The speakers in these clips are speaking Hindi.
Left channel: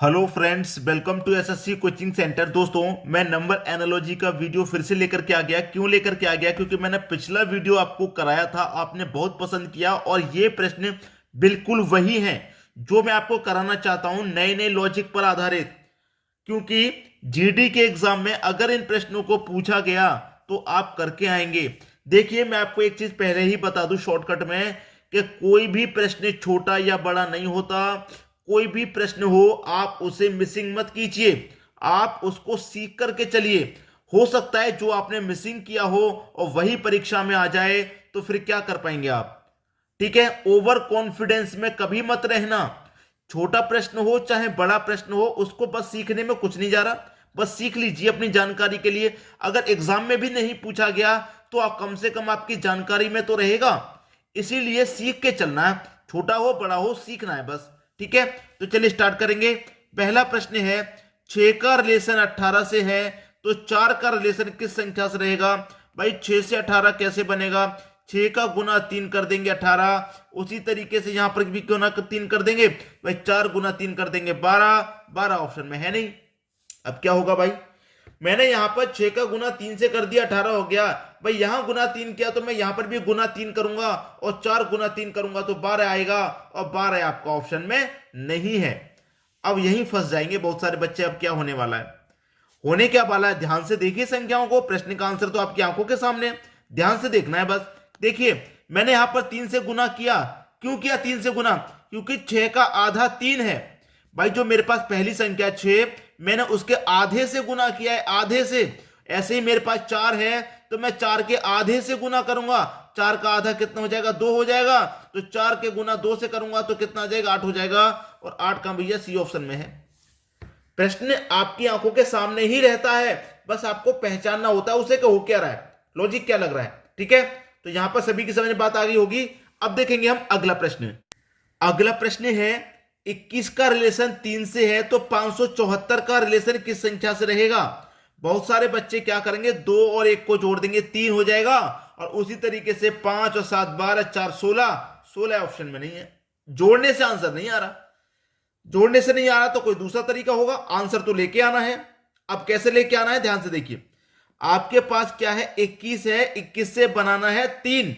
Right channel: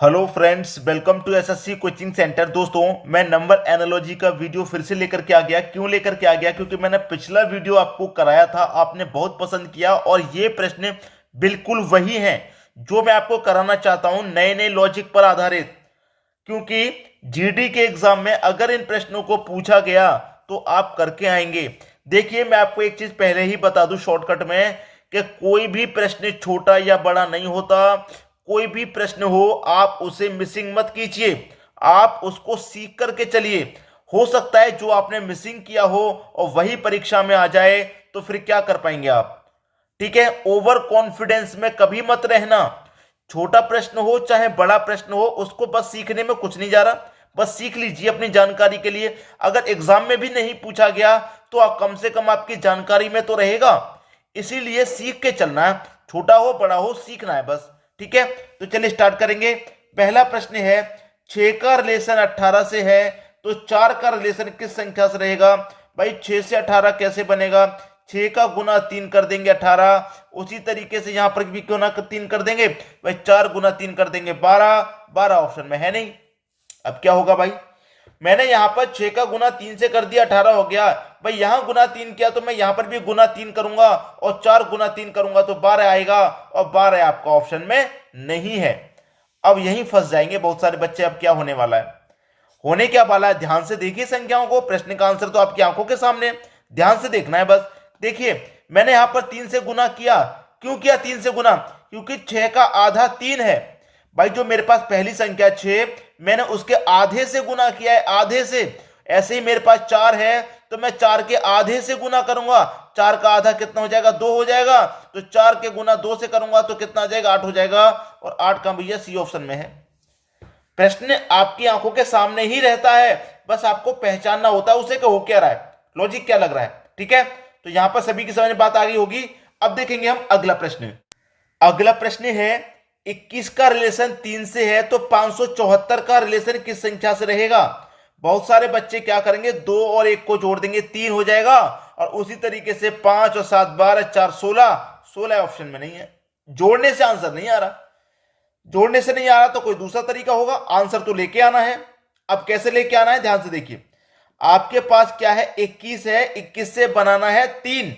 Hello friends, welcome to SSC coaching centre. दोस्तों, मैं नंबर एनालॉजी का वीडियो फिर से लेकर के आ गया। क्यों लेकर के आ गया? क्योंकि मैंने पिछला वीडियो आपको कराया था, आपने बहुत पसंद किया और ये प्रश्न बिल्कुल वही हैं जो मैं आपको कराना चाहता हूं, नए नए लॉजिक पर आधारित। क्योंकि जीडी के एग्जाम में अगर इन प्रश्नों को पूछा गया तो आप करके आएंगे। देखिए, मैं आपको एक चीज पहले ही बता दूं शॉर्टकट में कि कोई भी प्रश्न छोटा या बड़ा नहीं होता। कोई भी प्रश्न हो आप उसे मिसिंग मत कीजिए, आप उसको सीख करके चलिए। हो सकता है जो आपने मिसिंग किया हो और वही परीक्षा में आ जाए, तो फिर क्या कर पाएंगे आप? ठीक है, ओवर कॉन्फिडेंस में कभी मत रहना। छोटा प्रश्न हो चाहे बड़ा प्रश्न हो, उसको बस सीखने में कुछ नहीं जा रहा, बस सीख लीजिए अपनी जानकारी के लिए। अगर एग्जाम में भी नहीं पूछा गया तो आप कम से कम आपकी जानकारी में तो रहेगा। इसीलिए सीख के चलना है, छोटा हो बड़ा हो सीखना है बस। ठीक है, तो चलिए स्टार्ट करेंगे। पहला प्रश्न है, 6 का रिलेशन 18 से है तो 4 का रिलेशन किस संख्या से रहेगा? भाई 6 से 18 कैसे बनेगा? 6 का गुना 3 कर देंगे 18। उसी तरीके से यहां पर भी गुना 3 कर देंगे भाई, 4 गुना 3 कर देंगे 12। 12 ऑप्शन में है नहीं। अब क्या होगा भाई? मैंने यहां पर 6 का गुना 3 से कर दिया, 18 हो गया। भाई यहां गुना 3 किया तो मैं यहां पर भी गुना 3 करूंगा और 4 गुना 3 करूंगा तो 12 आएगा, और 12 आपका ऑप्शन में नहीं है। अब यहीं फंस जाएंगे बहुत सारे बच्चे। अब क्या होने वाला है? होने क्या वाला है, ध्यान से देखिए संख्याओं को। प्रश्न का आंसर तो आपकी आंखों के सामने है, ध्यान से देखना है बस। देखिए, मैंने यहां पर 3 से गुना किया। क्यों किया 3 से गुना? क्योंकि 6 का आधा 3 है। भाई जो मेरे पास पहली संख्या 6, मैंने उसके आधे से गुना किया है, आधे से। ऐसे ही मेरे पास 4 है तो मैं 4 के आधे से गुना करूंगा। 4 का आधा कितना हो जाएगा? 2 हो जाएगा। तो 4 के गुना 2 से करूंगा तो कितना आ जाएगा? 8 हो जाएगा। और 8 का भैया सी ऑप्शन में है। प्रश्न आपकी आंखों के सामने ही रहता है, बस आपको पहचानना होता है उसे कि हो क्या रहा है, लॉजिक क्या लग रहा है। ठीक है, तो यहां पर सभी की समझ में बात आ गई होगी। अब देखेंगे हम अगला प्रश्न। अगला प्रश्न है, 21 का रिलेशन 3 से है तो 574 का रिलेशन किस संख्या से रहेगा? बहुत सारे बच्चे क्या करेंगे, 2 और 1 को जोड़ देंगे, 3 हो जाएगा। और उसी तरीके से 5 और 7 12 4 16। 16 ऑप्शन में नहीं है, जोड़ने से आंसर नहीं आ रहा। जोड़ने से नहीं आ रहा तो कोई दूसरा तरीका होगा, आंसर तो लेके आना है। अब कैसे लेके आना है, ध्यान से देखिए। आपके पास क्या है, 21 है, 21 से बनाना है 3।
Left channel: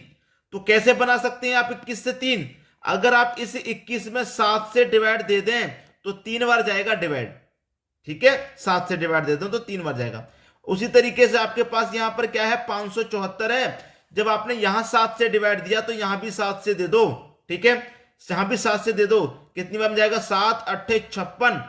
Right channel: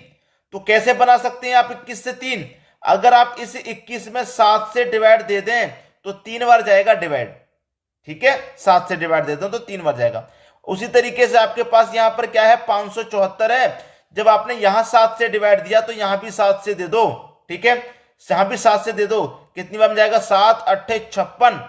तो कैसे बना सकते हैं आप 21 से 3? अगर आप इस 21 में 7 से डिवाइड दे दें तो 3 बार जाएगा डिवाइड। ठीक है, 7 से डिवाइड दे दो तो 3 बार जाएगा। उसी तरीके से आपके पास यहां पर क्या है, 574 है। जब आपने यहां 7 से डिवाइड दिया तो यहां भी 7 से दे दो। ठीक है, यहां भी 7 से दे दो। कितनी बार जाएगा? 7 8 56।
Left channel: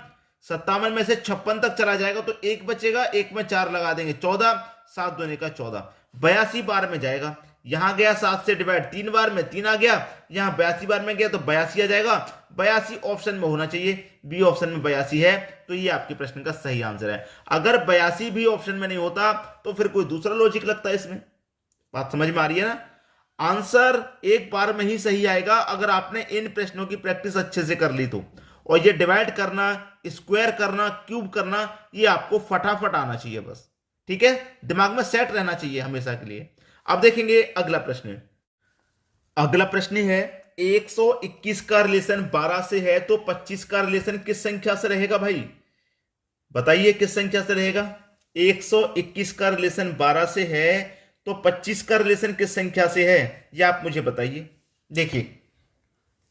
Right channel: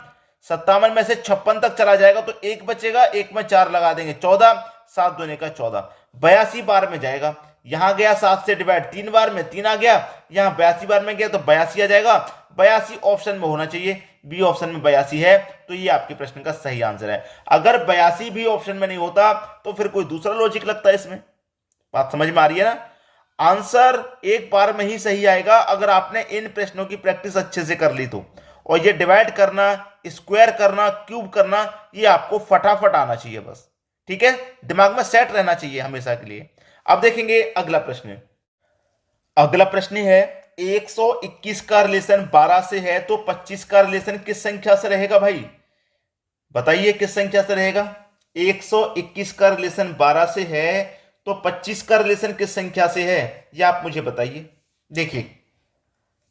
57 में से 56 तक चला जाएगा तो एक बचेगा, एक में 4 लगा देंगे, 14। 7 दूने का 14, 82 बार में जाएगा। यहां गया 7 से डिवाइड 3 बार में, 3 आ गया। यहां 82 बार में गया तो 82 आ जाएगा। 82 ऑप्शन में होना चाहिए, बी ऑप्शन में 82 है। तो ये आपके प्रश्न का सही आंसर है। अगर 82 भी ऑप्शन में नहीं होता तो फिर कोई दूसरा लॉजिक लगता है इसमें। बात समझ में आ रही है ना? आंसर एक बार में ही सही आएगा अगर आपने इन प्रश्नों की प्रैक्टिस अच्छे से कर ली तो। और ये डिवाइड करना, स्क्वायर करना, क्यूब करना, ये आपको फटाफट आना चाहिए बस। ठीक है, दिमाग में सेट रहना चाहिए हमेशा के लिए। अब देखेंगे अगला प्रश्न। अगला प्रश्न है, 121 का रिलेशन 12 से है तो 25 का रिलेशन किस संख्या से रहेगा? भाई बताइए किस संख्या से रहेगा? 121 का रिलेशन 12 से है तो 25 का रिलेशन किस संख्या से है, ये आप मुझे बताइए। देखिए,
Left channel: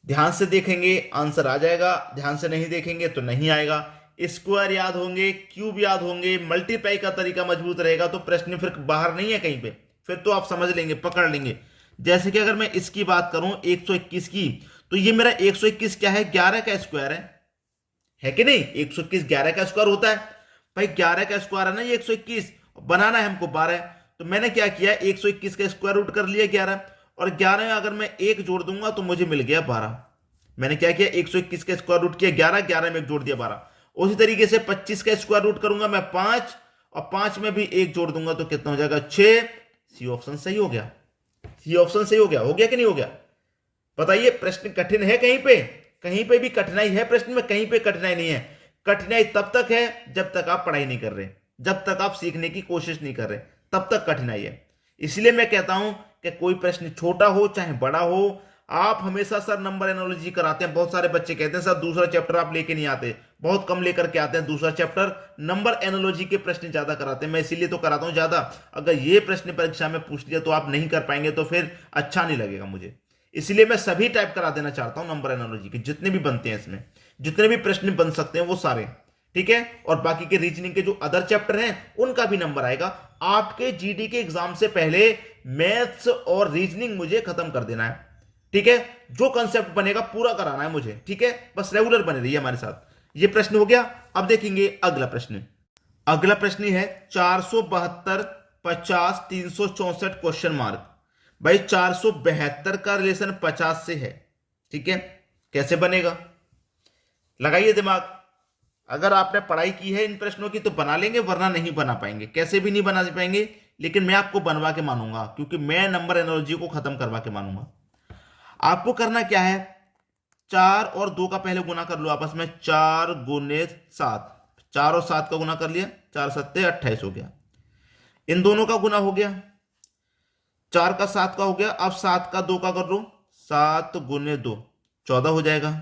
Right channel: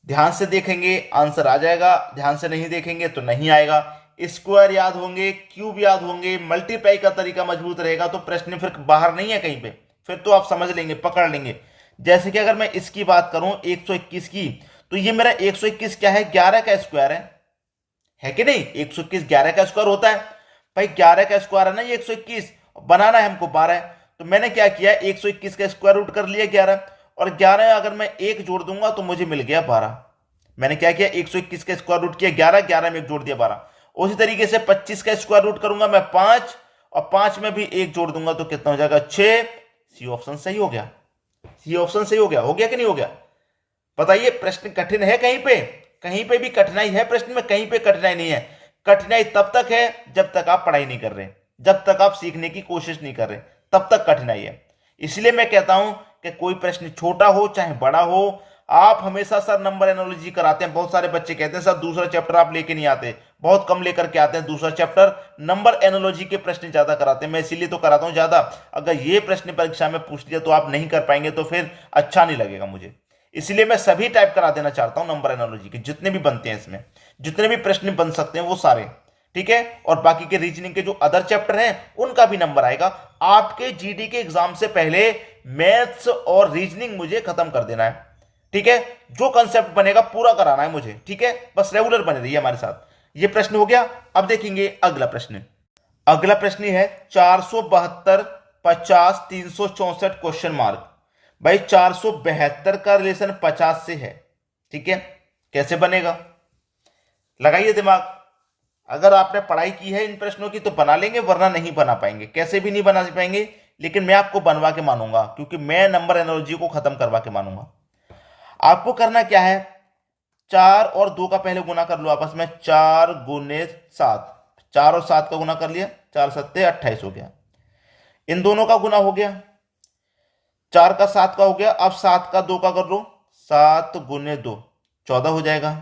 ध्यान से देखेंगे आंसर आ जाएगा, ध्यान से नहीं देखेंगे तो नहीं आएगा। स्क्वायर याद होंगे, क्यूब याद होंगे, मल्टीप्लाई का तरीका मजबूत रहेगा तो प्रश्न फिर बाहर नहीं है कहीं पे, फिर तो आप समझ लेंगे, पकड़ लेंगे। जैसे कि अगर मैं इसकी बात करूं 121 की, तो ये मेरा 121 क्या है? 11 का स्क्वायर है कि नहीं? 121 11 का स्क्वायर होता है। भाई 11 का स्क्वायर है ना ये 121, बनाना है हमको 12। तो मैंने क्या किया, 121 का स्क्वायर रूट कर लिया 11, और 11 अगर मैं एक जोड़ दूंगा तो मुझे मिल गया 12। मैंने क्या किया, 121 का स्क्वायर रूट किया 11, 11 में एक जोड़ दिया 12। उसी तरीके से 25 का स्क्वायर रूट करूंगा मैं 5, और 5 में भी एक जोड़ दूंगा तो कितना हो जाएगा? 6। सी ऑप्शन सही हो गया। सी ऑप्शन सही हो गया कि नहीं हो गया? बताइए, प्रश्न कठिन है कहीं पे? कहीं पे भी कठिनाई है प्रश्न में? कहीं पे कठिनाई नहीं है। कठिनाई तब तक है जब तक आप पढ़ाई नहीं कर रहे, जब तक आप सीखने की कोशिश नहीं कर रहे, तब तक कठिनाई है। इसलिए मैं कहता हूं कि कोई प्रश्न छोटा हो चाहे बड़ा हो, आप हमेशा सर नंबर एनालॉजी कराते हैं, बहुत सारे बच्चे कहते हैं सर दूसरा चैप्टर आप लेके नहीं आते, बहुत कम लेकर के आते हैं दूसरा चैप्टर, नंबर एनालॉजी के प्रश्न ज्यादा कराते हैं। मैं इसीलिए तो कराता हूं ज्यादा। अगर ये प्रश्न परीक्षा में पूछ लिया तो आप नहीं कर पाएंगे तो फिर अच्छा नहीं लगेगा मुझे, इसलिए मैं सभी टाइप करा देना चाहता हूं नंबर एनालॉजी के जितने भी बनते हैं, इसमें जितने भी प्रश्न बन सकते हैं वो सारे, ठीक है। और बाकी के रीजनिंग के जो अदर चैप्टर हैं उनका भी नंबर आएगा। आपके जीडी के एग्जाम से पहले मैथ्स और रीजनिंग मुझे खत्म कर देना है, ठीक है। जो कंसेप्ट बनेगा पूरा कराना है मुझे, ठीक है। बस रेगुलर बने रहिए हमारे साथ। ये प्रश्न हो गया। अब देखेंगे अगला प्रश्न। अगला प्रश्न है 472 50 364 क्वेश्चन मार्क। भाई 472 का रिलेशन 50 से है, ठीक है। कैसे बनेगा, लगाइए दिमाग। अगर आपने पढ़ाई की है इन प्रश्नों की तो बना लेंगे, वरना नहीं बना पाएंगे, कैसे भी नहीं बना पाएंगे। लेकिन मैं आपको बनवा के मानूंगा, क्योंकि मैं नंबर एनालॉजी को खत्म करवा के मानूंगा। आपको करना क्या है, 4 और 2 का पहले गुना कर लो आपस में, 4 गुने 7, 4 और 7 का गुना कर लिया, 4 सत्ते 28 हो गया। इन दोनों का गुना हो गया, 4 का 7 का हो गया। अब 7 का 2 का कर लो, 7 गुने 2 14 हो जाएगा।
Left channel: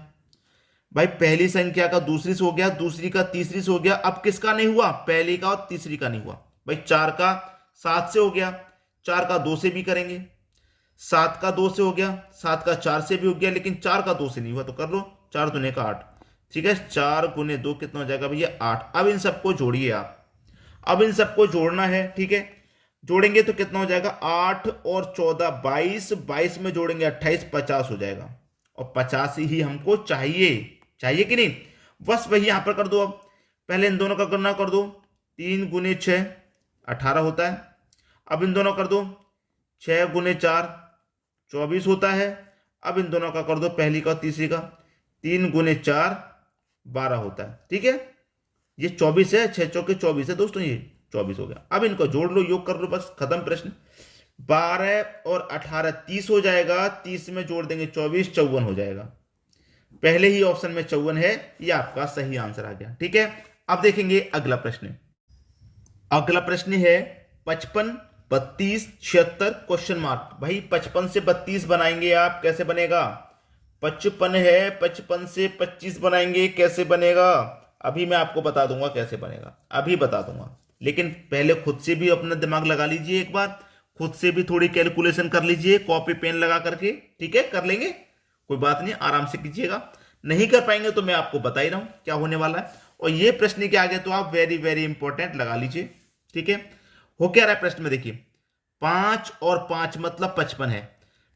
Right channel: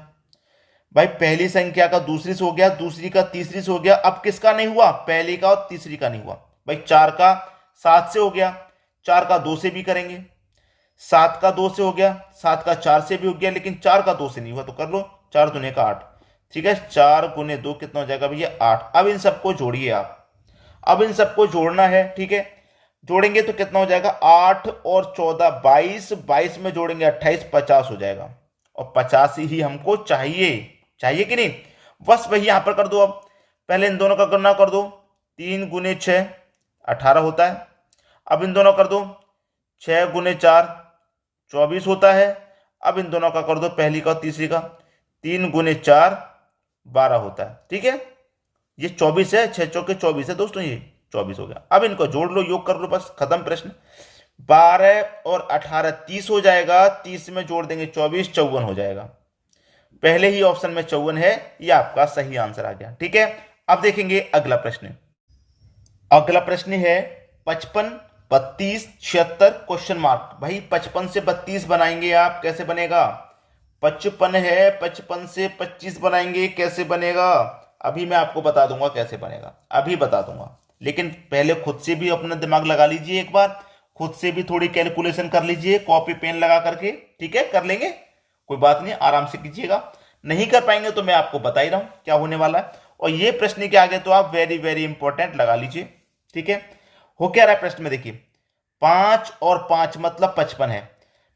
भाई पहली संख्या का दूसरी से हो गया, दूसरी का तीसरी से हो गया। अब किसका नहीं हुआ, पहली का और तीसरी का नहीं हुआ। भाई 4 का 7 से हो गया, 4 का 2 से भी करेंगे, 7 का 2 से हो गया, 7 का 4 से भी हो गया, लेकिन 4 का 2 से नहीं हुआ तो कर लो 4 दुने का 8, ठीक है। 4 गुने 2 कितना हो जाएगा भैया 8। अब इन सबको जोड़िए आप, अब इन सबको जोड़ना है, ठीक है। जोड़ेंगे तो कितना हो जाएगा 8 और 14 22, 22 में जोड़ेंगे 28, 50 हो जाएगा। और 50 ही हमको चाहिए, चाहिए कि नहीं। बस वही यहां पर कर दो। अब पहले इन दोनों का गणना कर दो, 3 गुने 6 18 होता है। अब इन दोनों कर दो, 6 गुने 4 24 होता है। अब इन दोनों का कर दो, पहली का और तीसरी का, 3 गुने 4 12 होता है, ठीक है। ये 24 है, 6 चौके 24 है दोस्तों, ये 24 हो गया। अब इनको जोड़ लो, योग कर लो, बस खत्म प्रश्न। 12 और 18 30 हो जाएगा, 30 में जोड़ देंगे 24 54 हो जाएगा। पहले ही ऑप्शन में 54 है, ये आपका सही आंसर आ गया, ठीक है। अब देखेंगे अगला प्रश्न। अगला प्रश्न है 55 32 76 क्वेश्चन मार्क। भाई 55 से 32 बनाएंगे आप, कैसे बनेगा। 55 है, 55 से 25 बनाएंगे, कैसे बनेगा। अभी मैं आपको बता दूंगा कैसे बनेगा, अभी बता दूंगा। लेकिन पहले खुद से भी अपना दिमाग लगा लीजिए एक बार, खुद से भी थोड़ी कैलकुलेशन कर लीजिए, कॉपी पेन लगा करके, ठीक है। कर लेंगे, कोई बात नहीं, आराम से कीजिएगा। नहीं कर पाएंगे तो मैं आपको बता ही रहा हूं क्या होने वाला है। और ये प्रश्न के आगे तो आप वेरी वेरी इंपॉर्टेंट लगा लीजिए, ठीक है। हो क्या रहा है प्रश्न में, देखिए 5 और 5 मतलब 55 है।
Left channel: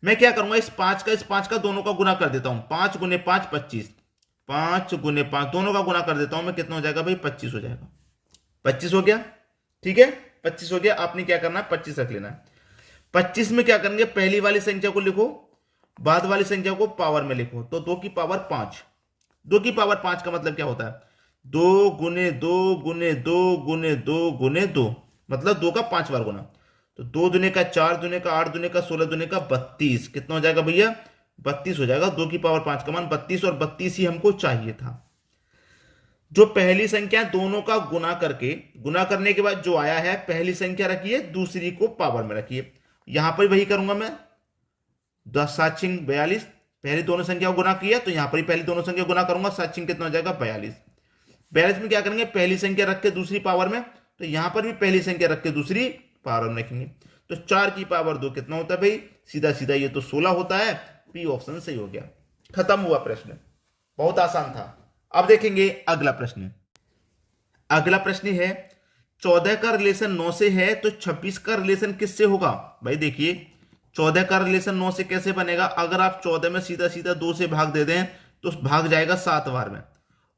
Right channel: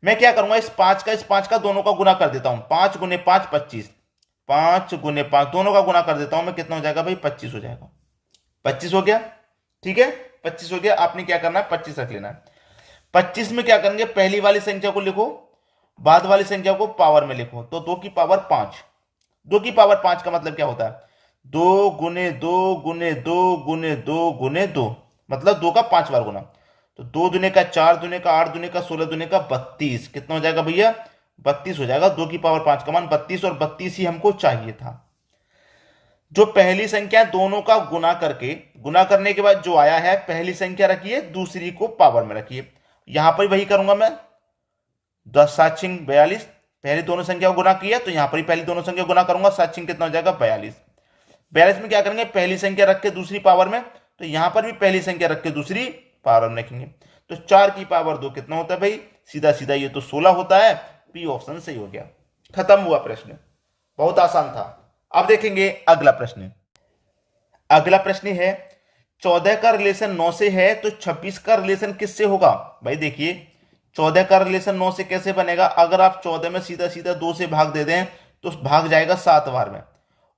मैं क्या करूंगा, इस 5 का दोनों का गुना कर देता हूं, 5 गुने 5 25, 5 गुने 5 दोनों का गुना कर देता हूं मैं, कितना हो जाएगा भाई 25 हो जाएगा। 25 हो गया, ठीक है, 25 हो गया। आपने क्या करना है 25 रख लेना है। 25 में क्या करेंगे, पहली वाली संख्या को लिखो, बाद वाली संख्या को पावर में लिखो, तो 2 की पावर 5। 2 की पावर 5 का मतलब क्या होता है, 2 गुने 2 गुने 2 गुने 2 गुने 2, मतलब 2 का 5 बार गुना। तो 2 दुने का 4 दुने का 8 दुने का 16 दुने का 32, कितना हो जाएगा भैया 32 हो जाएगा। 2 की पावर 5 का मान 32, और 32 ही हमको चाहिए था। जो पहली संख्या दोनों का गुना करके, गुना करने के बाद जो आया है, पहली संख्या रखिए, दूसरी को पावर में रखिए। यहां पर वही करूंगा मैं, 10 7 छिंग 42, पहली दोनों संख्या को गुना किया तो यहां पर ही पहली दोनों संख्या गुना करूंगा, 7 छिंग कितना हो जाएगा 42। 42 में क्या करेंगे, पहली संख्या रख के दूसरी पावर में, तो यहां पर भी पहली संख्या रख के दूसरी पावर में रखेंगे। तो 4 की पावर 2 कितना होता है भाई, सीधा सीधा ये तो 16 होता है। पी ऑप्शन सही हो गया, खत्म हुआ प्रश्न, बहुत आसान था। अब देखेंगे अगला प्रश्न। अगला प्रश्न है 14 का रिलेशन 9 से है तो 26 का रिलेशन किससे होगा। भाई देखिए 14 का रिलेशन 9 से कैसे बनेगा, अगर आप 14 में सीधा सीधा 2 से भाग दे दें तो भाग जाएगा 7 बार में,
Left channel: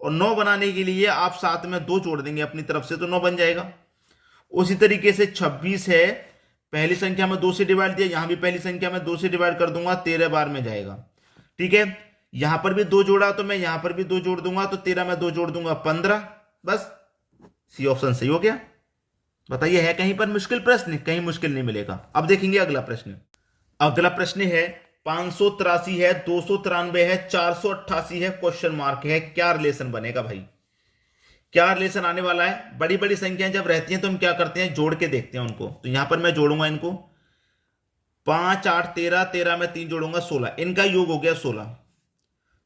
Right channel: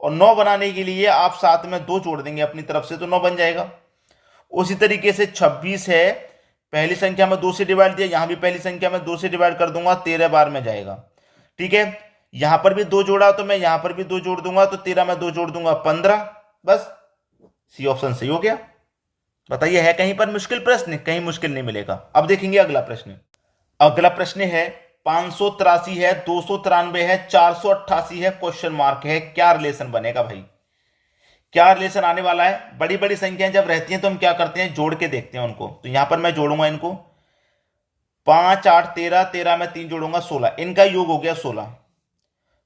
और 9 बनाने के लिए आप 7 में 2 जोड़ देंगे अपनी तरफ से तो 9 बन जाएगा। उसी तरीके से 26 है, पहली संख्या में 2 से डिवाइड दिया, यहां भी पहली संख्या में 2 से डिवाइड कर दूंगा, 13 बार में जाएगा, ठीक है। यहां पर भी 2 जोड़ा तो मैं यहां पर भी 2 जोड़ दूंगा, तो 13 में 2 जोड़ दूंगा 15, बस सी ऑप्शन सही हो गया। बताइए है कहीं पर मुश्किल प्रश्न, कहीं मुश्किल नहीं मिलेगा। अब देखेंगे अगला प्रश्न। अगला प्रश्न है 583 है, 293 है, 488 है, क्वेश्चन मार्क है, क्या रिलेशन बनेगा भाई, क्या रिलेशन आने वाला है। बड़ी बड़ी संख्याएं जब रहती हैं तो हम क्या करते हैं, जोड़ के देखते हैं उनको। तो यहां पर मैं जोड़ूंगा इनको, 5 8 13, 13 में 3 जोड़ूंगा 16, इनका योग हो गया 16।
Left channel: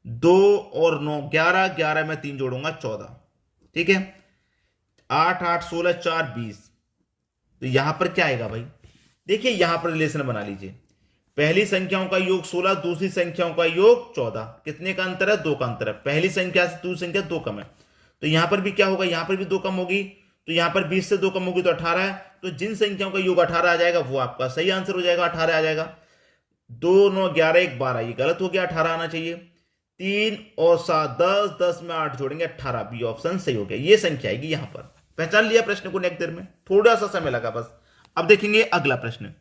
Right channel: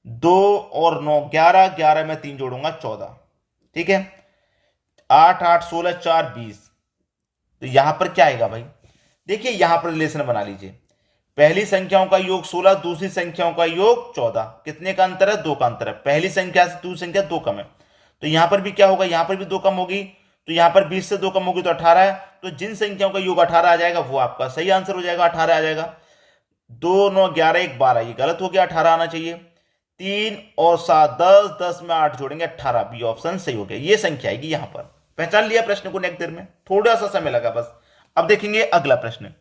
2 और 9 11, 11 में 3 जोड़ूंगा 14। ठीक है, 8 8 16 4 20। तो यहां पर क्या आएगा भाई, देखिए यहां पर रिलेशन बना लीजिए। पहली संख्याओं का योग 16, दूसरी संख्याओं का योग 14। कितने का अंतर है, 2 का अंतर है। पहली संख्या से दूसरी संख्या 2 कम है, तो यहां पर भी क्या होगा, यहां पर भी 2 कम होगी, तो यहां पर 20 से 2 कम होगी तो 18 है। तो जिन संख्याओं का योग 18 आ जाएगा वो आपका सही आंसर हो जाएगा, 18 आ जाएगा। 2 9 11 1 12, ये गलत हो गया, 18 आना चाहिए। 3 और 7 10, 10 में 8 जोड़ेंगे 18, बी ऑप्शन सही हो गया। ये संख्या आएगी यहां पर। पहचान लिया प्रश्न को नेक्स्ट देर में, थोड़ा सा समय लगा बस। अब देखेंगे अगला प्रश्न।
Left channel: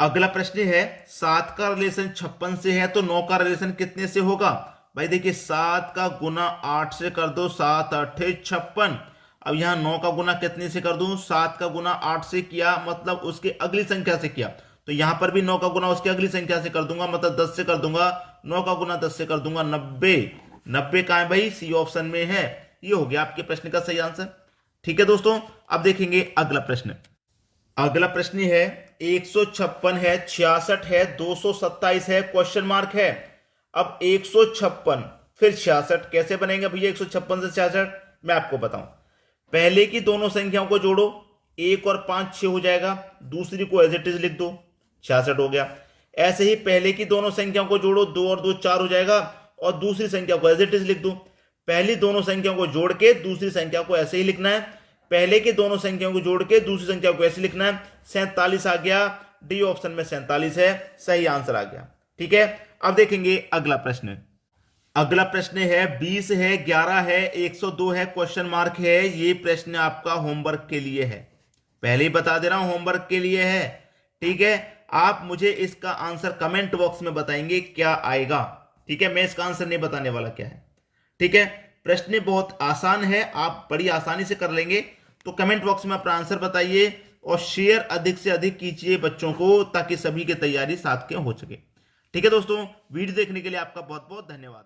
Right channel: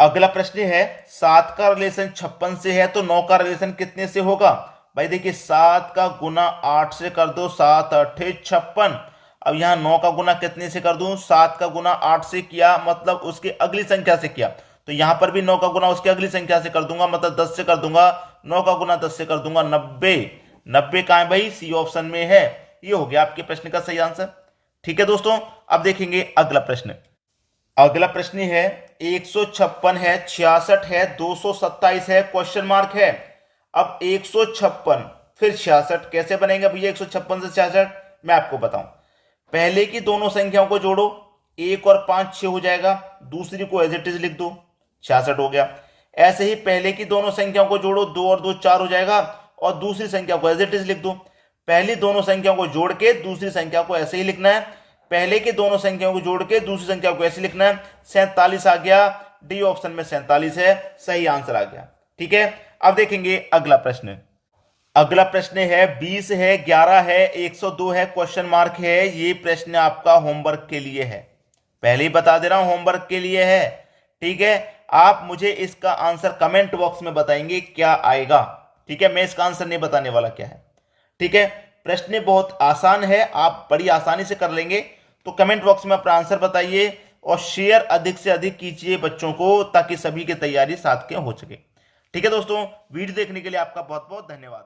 अगला प्रश्न है 7 का रिलेशन 56 से है तो 9 का रिलेशन कितने से होगा। भाई देखिए 7 का गुना 8 से कर दो, 7 8 56। अब यहां 9 का गुना कितने से कर दूं, 7 का गुना 8 से किया मतलब उसके अगली संख्या से किया, तो यहां पर भी 9 का गुना उसकी अगली संख्या से कर दूंगा, मतलब 10 से कर दूंगा। 9 का गुना 10 से कर दूंगा 90। 90 कहां है भाई, सी ऑप्शन में है। ये हो गया आपके प्रश्न का सही आंसर। ठीक है दोस्तों, अब देखेंगे अगला प्रश्न। अगला प्रश्न है 156 है, 66 है, 227 है, क्वेश्चन मार्क है। अब 156 फिर 66 कैसे बनेगा भैया, 156 से 66 मैं आपको बताऊं। पहले की दोनों संख्याओं को जोड़ो, 1 और 5 6 हो जाएगा, दूसरी को एज इट इज लिख दो, 66 हो गया। ऐसे ही पहले की दोनों संख्याओं को जोड़ो, 2 और 2 4 हो जाएगा, और दूसरी संख्या को एज इट इज लिख दो। पहली दोनों संख्याओं को जोड़ के दूसरी संख्या को ऐसे ही लिखना है, पहले की दोनों संख्याओं को जोड़ के दूसरी संख्या को ऐसे लिखना है। 47 आ गया, डी ऑप्शन में 47 है, सही आंसर आ गया। ठीक है, अब देखेंगे अगला प्रश्न। अगला प्रश्न है 20 है, 11 है, 102 है, क्वेश्चन मार्क है। ये प्रश्न आपका होमवर्क के लिए है, पहले ही बता दे रहा हूं होमवर्क के लिए है। ठीक है, आप मुझे इसका आंसर कमेंट बॉक्स में बताएंगे क्या आएगा। ठीक है, मैं इसका आंसर नहीं बताने वाला क्या है। ठीक है, प्रश्न बहुत आसान है, आप बड़ी आसानी से कर लेंगे। तो कमेंट बॉक्स में अपना आंसर बताइए और शेयर अधिक से अधिक कीजिए बच्चों को, ताकि सभी की तैयारी साथ के हो सके। ठीक है दोस्तों, वीडियो देखने के लिए आपका बहुत बहुत धन्यवाद।